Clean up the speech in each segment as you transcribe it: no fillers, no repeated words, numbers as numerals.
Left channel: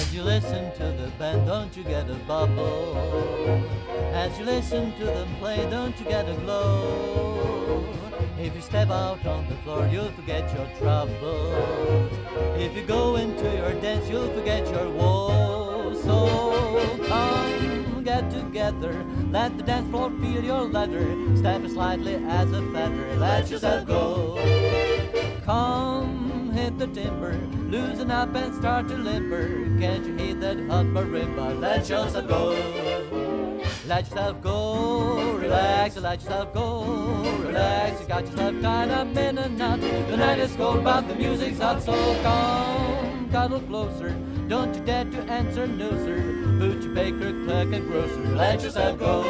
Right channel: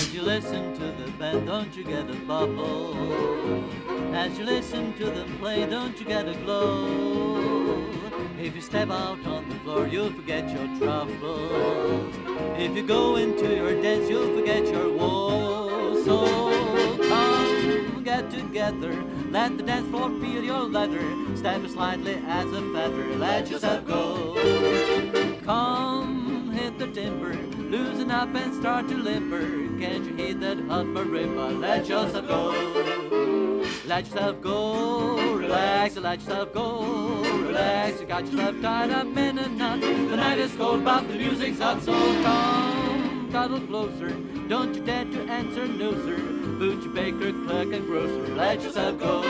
As you listen to the band, don't you get a bubble? As you listen to them play, don't you get a glow? If you step out on the floor, you'll forget your troubles. If you go into your dance, you'll forget your woes. So come, get together, let the dance floor feel your leather. Step as lightly as a feather, let yourself go. Come, hit the timber, loosen up and start to limber. Can't you hear that hot marimba? Let yourself go. Let yourself go, relax, let yourself go, relax. You got yourself tied up in a knot. The night is cold, but the music's hot, so come, cuddle closer. Don't you dare to answer no, sir. Butcher, baker, clerk, and grocer. Let yourself go.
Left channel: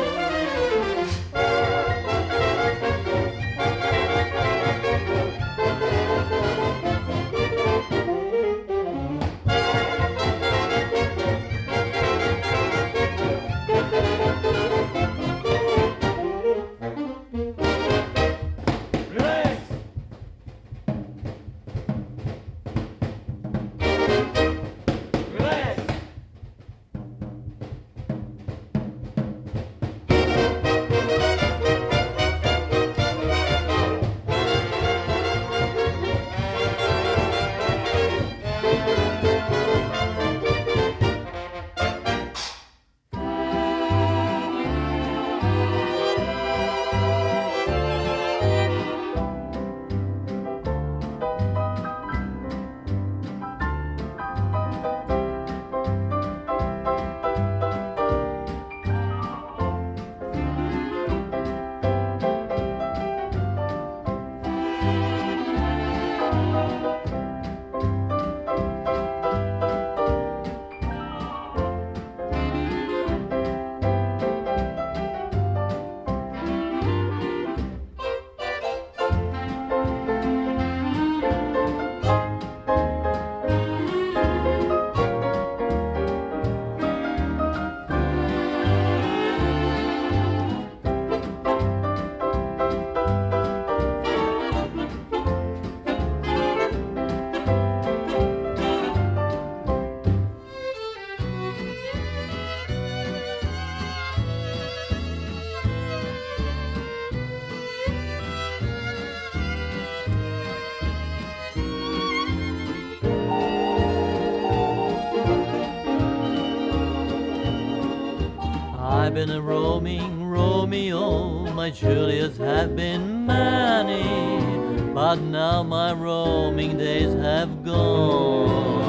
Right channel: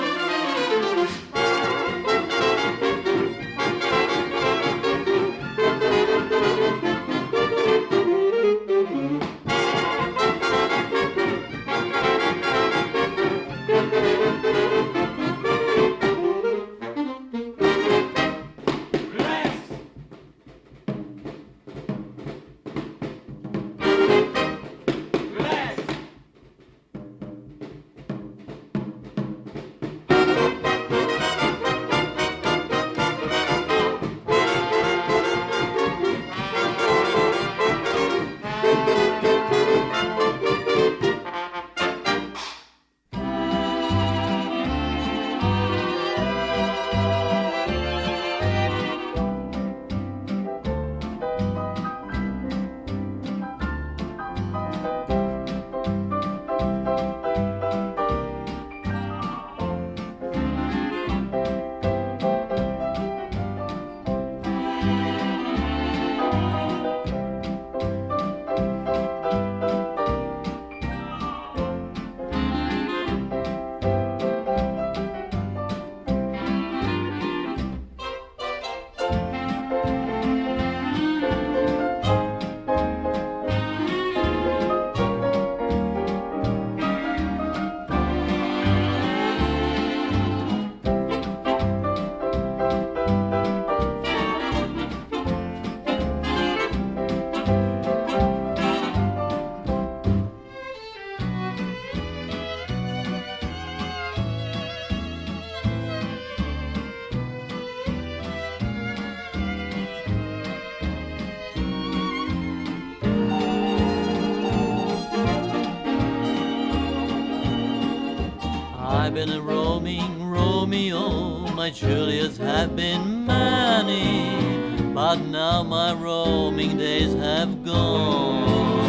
I've been a roaming Romeo, my Juliets have been many, but now my roaming days have gone.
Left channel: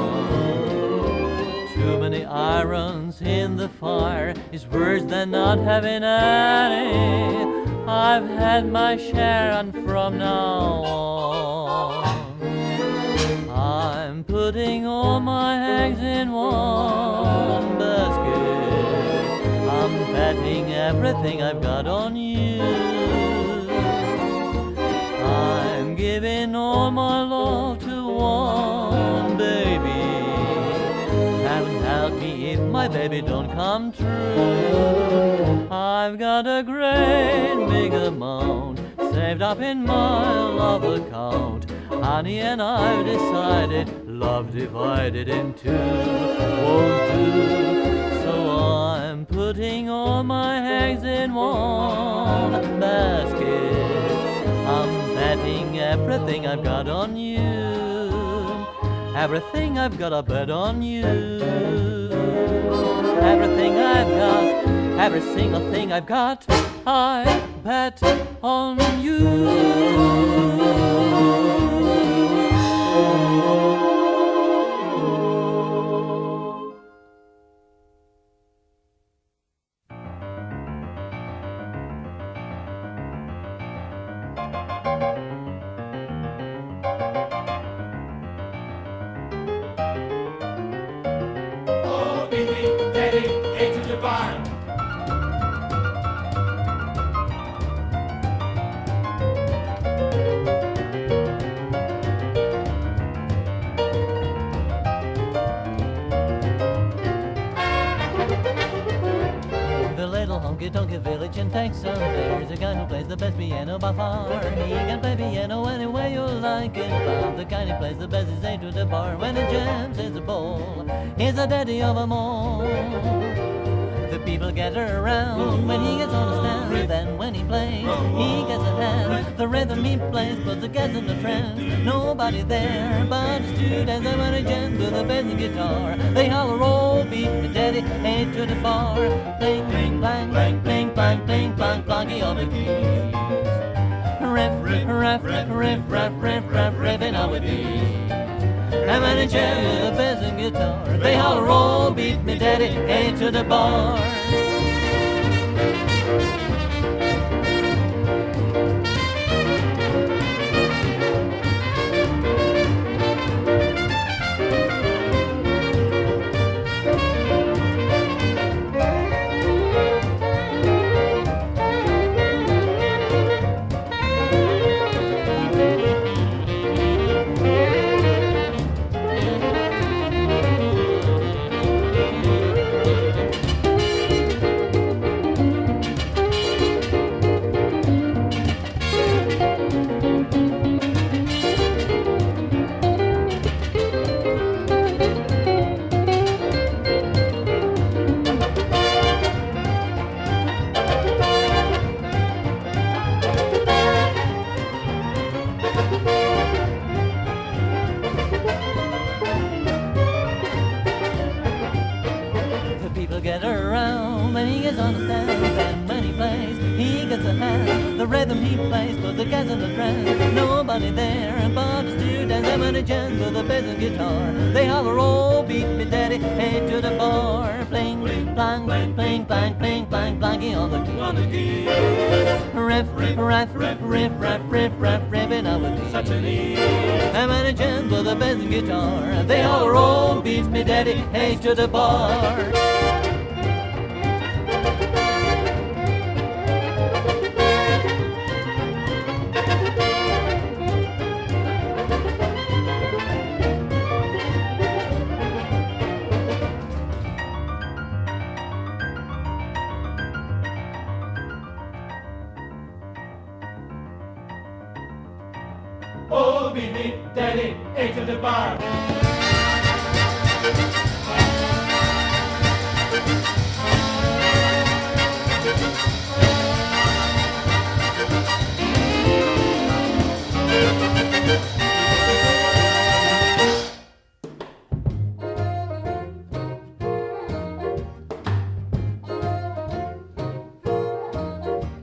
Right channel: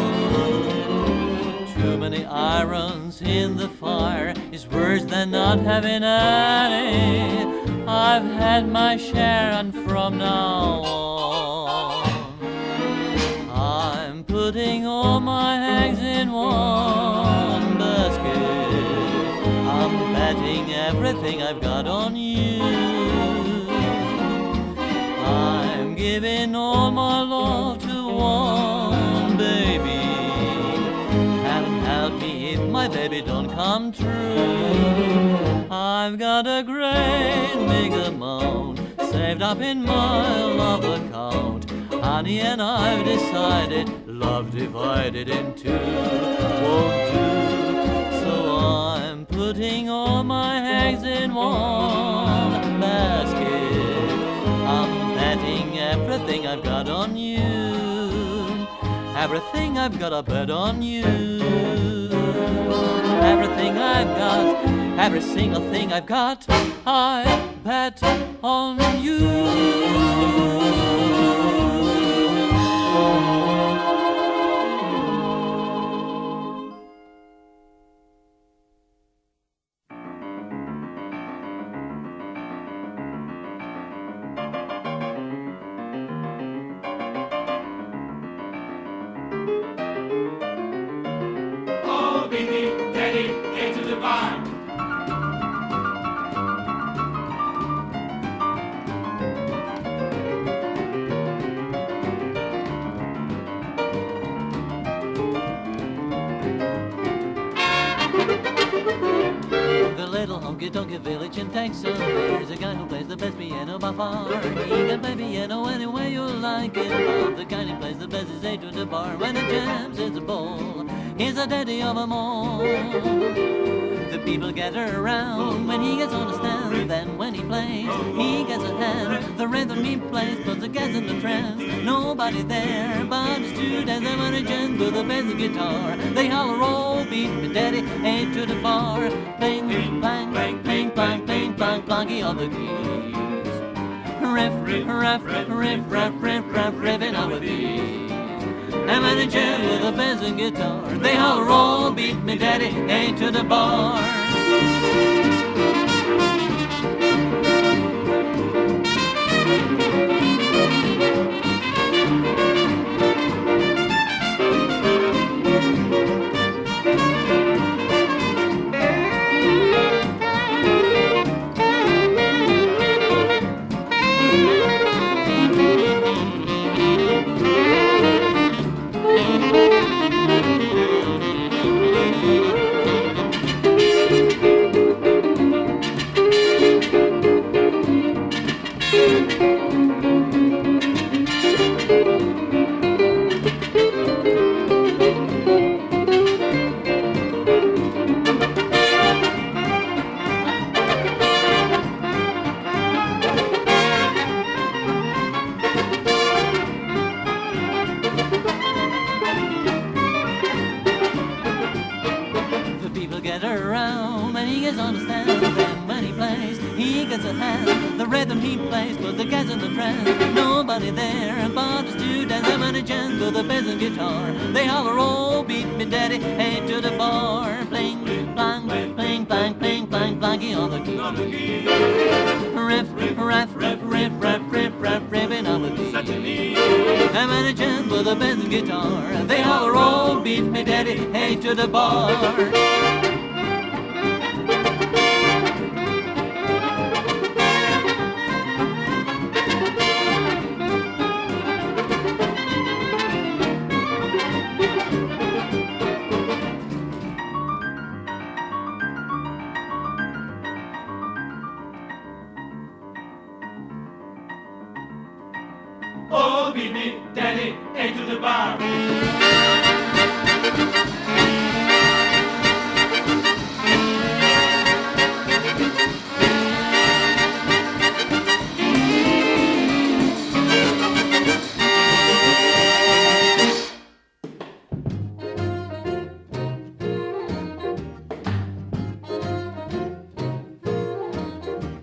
Too many irons in the fire is worse than not having any. I've had my share and from now on I'm putting all my eggs in one basket. I'm betting everything I've got on you. I'm giving all my love to one baby. Heaven help me if my baby don't come true. I've got a great big amount saved up in my love account. Honey and I've decided love divided in two won't do. So I'm putting all my eggs in one basket. I'm betting everything I've got on you. Everything I've got, I bet on you. Everything I've got, every single thing I've got, I bet on you. Into the barn. Minnetonka Village in Texas, there's a guy who plays the best piano by far. He can play piano any way you like it, but the kind he plays the best is A to the bar. When he jams, it's a ball. He's the daddy of them all. The people gather around when he gets on the stand. Then when he plays, he gets a hand. The rhythm he plays puts the guys in the trance. Nobody there but the students. And when he jams with the bass and guitar, they holler, oh, beat me daddy, A to the bar. Pling, plang, pling, plang, pling, plang, plonky on the keys. Riff, riff, riff, riff, riff, riff, riffing out with these. And when he jams with the bass and guitar, they holler, oh, beat me daddy, A to the bar. People gather around when he gets on the stand. Then when he plays, he gets a hand. The rhythm he plays puts the guys in the trance. Nobody there but the students. And when he jams with the bass and guitar, they holler, oh, beat me daddy, A to the bar. Pling, plang, pling, plang, pling, plang, planky on the key. Riff, riff, riff, riff, riff, riff, riff, riffing out with these. And when he jams with the bass and guitar, they holler, oh, beat me daddy, A to the bar. Oh, beat me, daddy, A to the bar.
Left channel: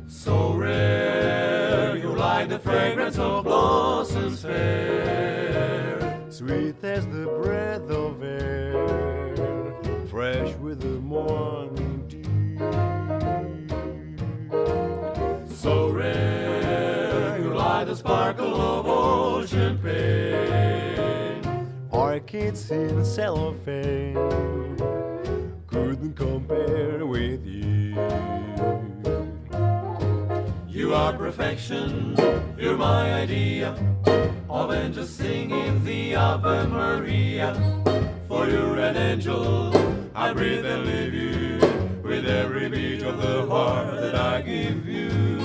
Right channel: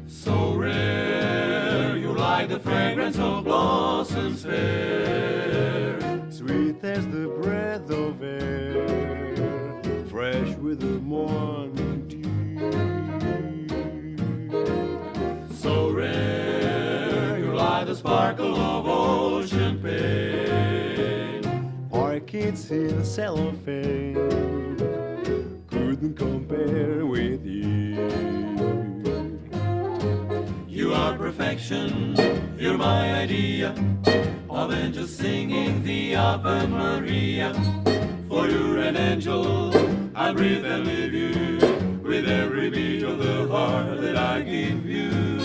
So rare, you like the fragrance of blossoms fair, Sweet as the breath of air, fresh with the morning dew. so rare, you like the sparkle of ocean pain. Orchids in cellophane couldn't compare with you. You are perfection, you're my idea of angels singing the Ave Maria. For you're an angel, I breathe and leave you with every beat of the heart that I give you.